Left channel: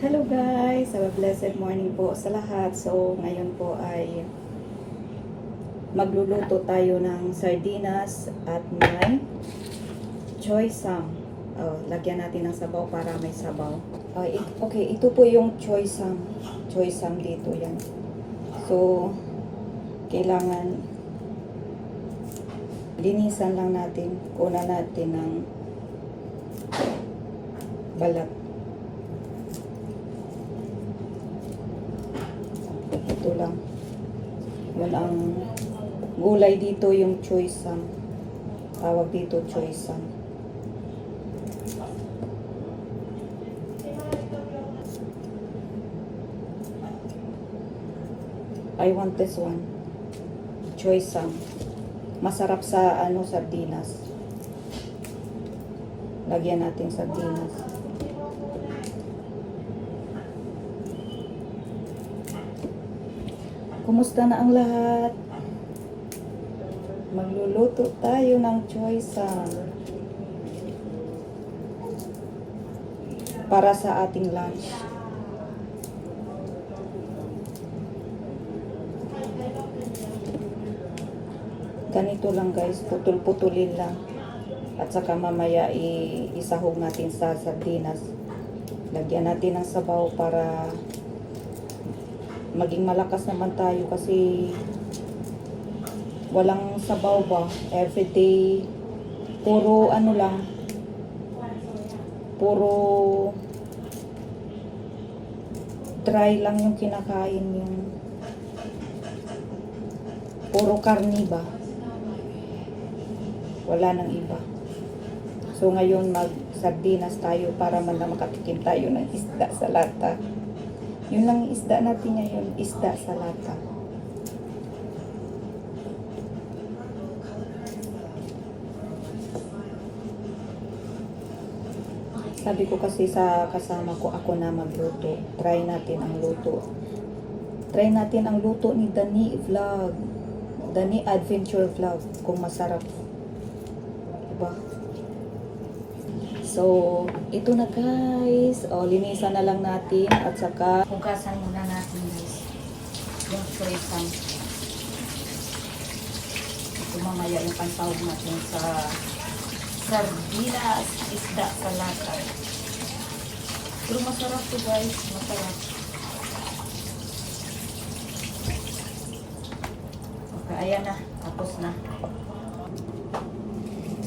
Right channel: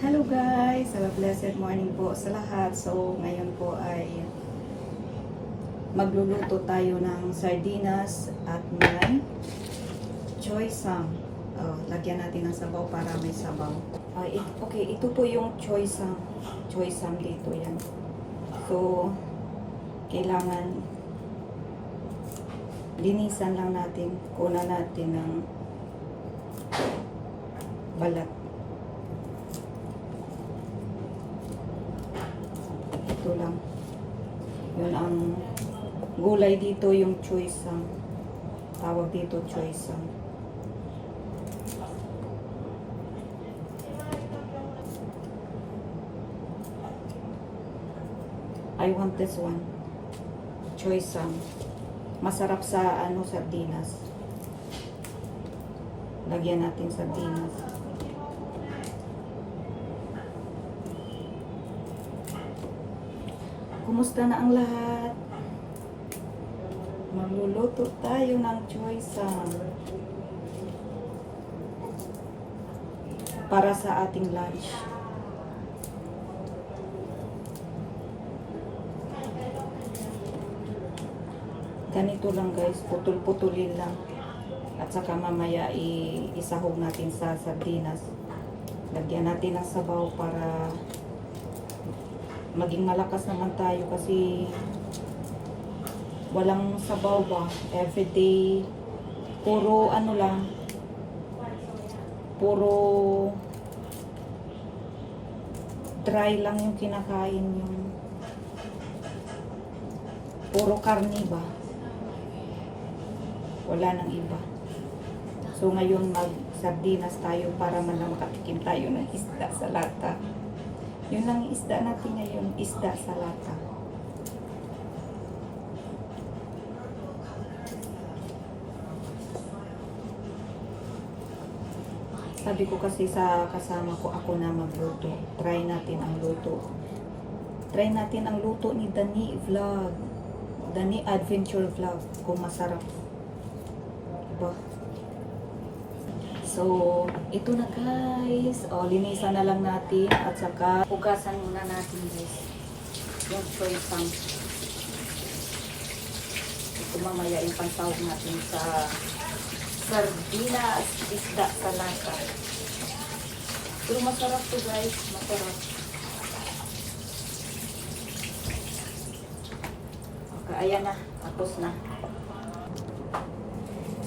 Hello guys! Have a blessed morning po sa lahat. So, ngayon po ay magluluto tayo ng sardinas at may choy sam. Lagyan natin ng sabaw para may sabaw. Okay, ito po yung choy sam. Choy sam dito yan. So, kailangan linisan lang natin. Kunan natin ng balat. Ito lang. Yun ang gulay dito, yung choy sam. Tawag dito choy sam. I want this one. Choy sam. Masarap sa sardinas. Lagyan natin sardinas. Kumusta na ang lahat? Magluluto tayo ng choy sam para sa ating lunch. Ganito lang guys, putol-putulin lang. At saka mamaya isahog natin sa sardinas. Lagyan natin ng sabaw para maging malakas naman tayo kasi walang sabaw ba everyday, puro lang, puro dry lang yung kinakain, yung puro karni ba, wala nang iba. So ngayon mag sardinas tayo para man lang makatikim tayo ng isda sa lata. Yun lang yung isda natin ngayon, isda sa lata. Sabi ko kasi sa kasama ko, ako na magluto. Try natin ang luto. Try natin ang luto ni Dani Vlog. Dani Adventure Vlog. Kung masarap. Diba? So, ito na guys. Linisan na lang natin. At saka, hugasan muna natin guys. Yung choy sam. Ito mamaya yung pansahog natin sa sardinas, isda sa lata. Pero masarap to guys. Masarap. Okay, ayan na. Tapos na.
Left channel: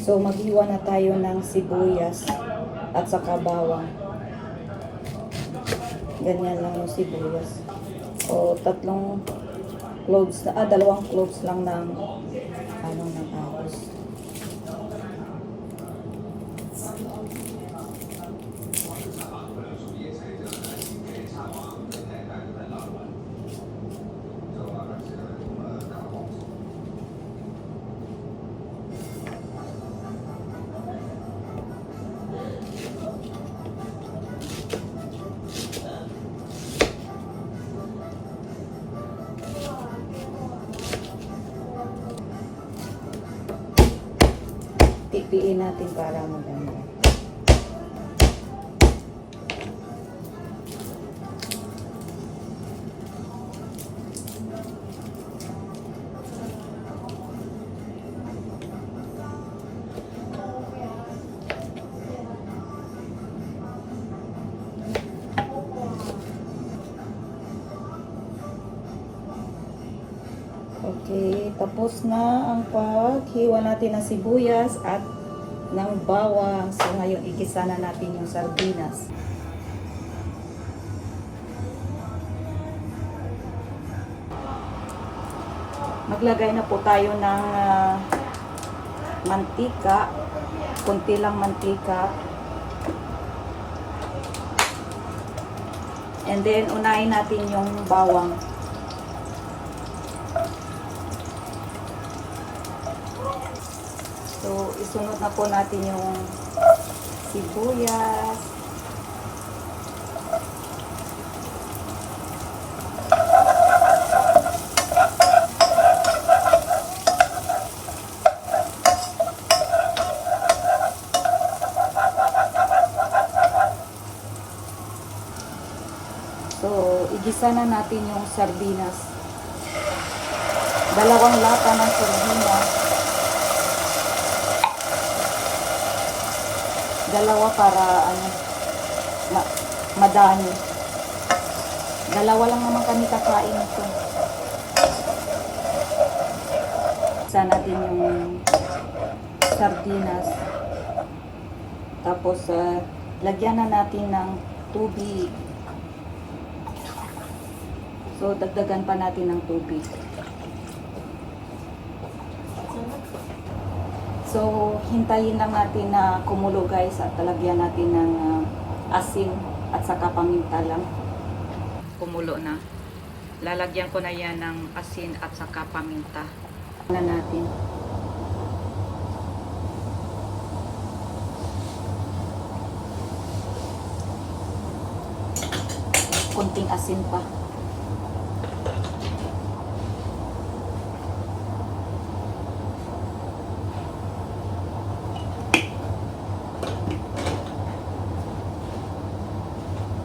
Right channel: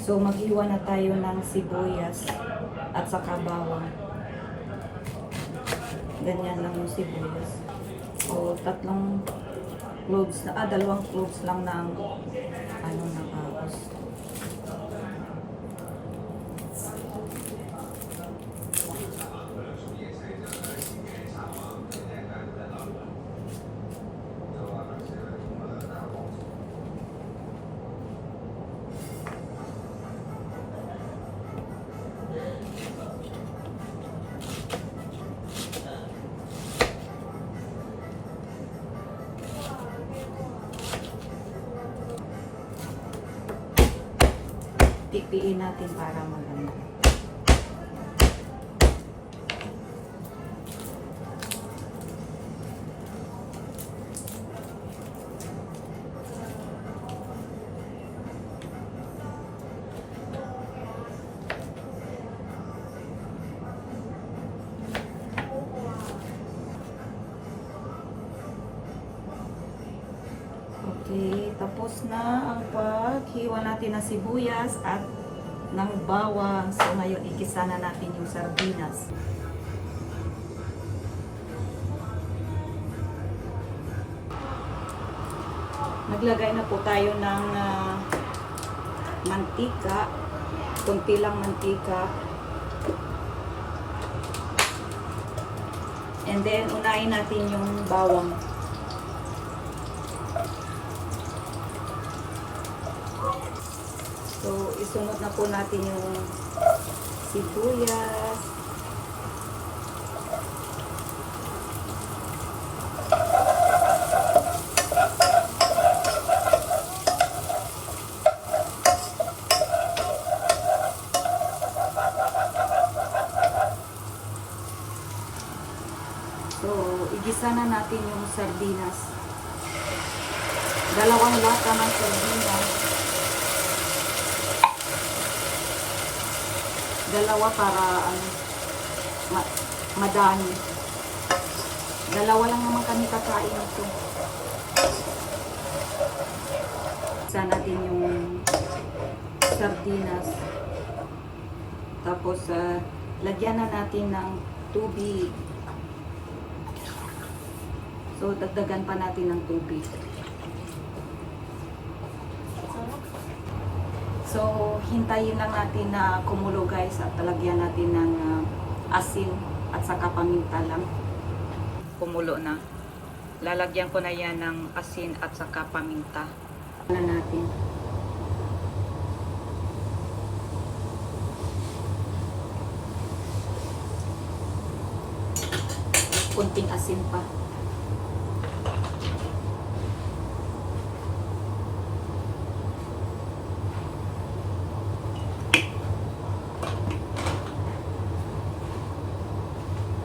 So, maghiwa na tayo ng sibuyas at saka bawang. Ganyan lang yung sibuyas. O, 3 cloves, 2 cloves lang ng ng ahos. Pipiin natin para maganda. Okay, tapos na ang paghiwa natin ng sibuyas at ng bawang. So ngayon igisa na natin yung sardinas. Maglagay na po tayo ng mantika. Konti lang mantika. And then unahin natin yung bawang. So, isunod na po natin yung sibuyas. So, igisa na natin yung sardinas. 2 lata ng sardinas. 2 para ano, madami. 2 lang naman kami kakain ito. Igisa natin yung sardinas. Tapos, lagyan na natin ng tubig. So, dagdagan pa natin ng tubig. So, hintayin lang natin na kumulo guys at talagyan natin ng asin at saka paminta lang. Kumulo na. Lalagyan ko na yan ng asin at saka paminta. Na natin. Kunting asin pa.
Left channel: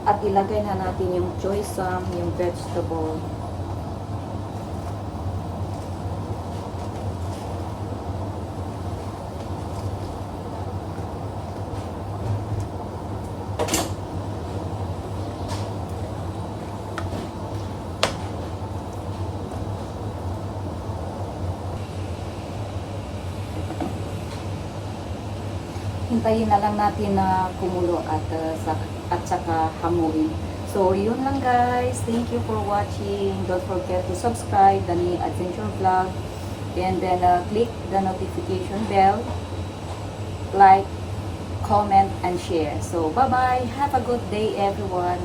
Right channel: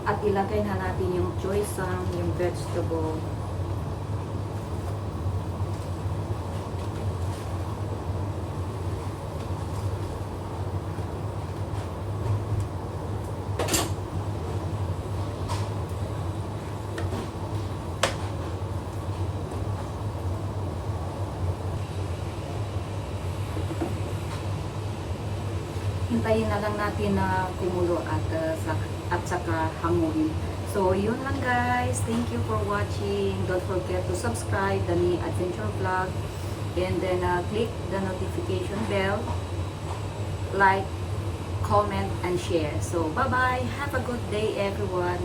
At ilagay na natin yung choy sam, yung vegetable. Hintayin na lang natin na kumulo at saka hamuin. So, yun lang guys. Thank you for watching. Don't forget to subscribe Dani Adventure Vlog. And then click the notification bell. Like, comment, and share. So, bye-bye. Have a good day everyone.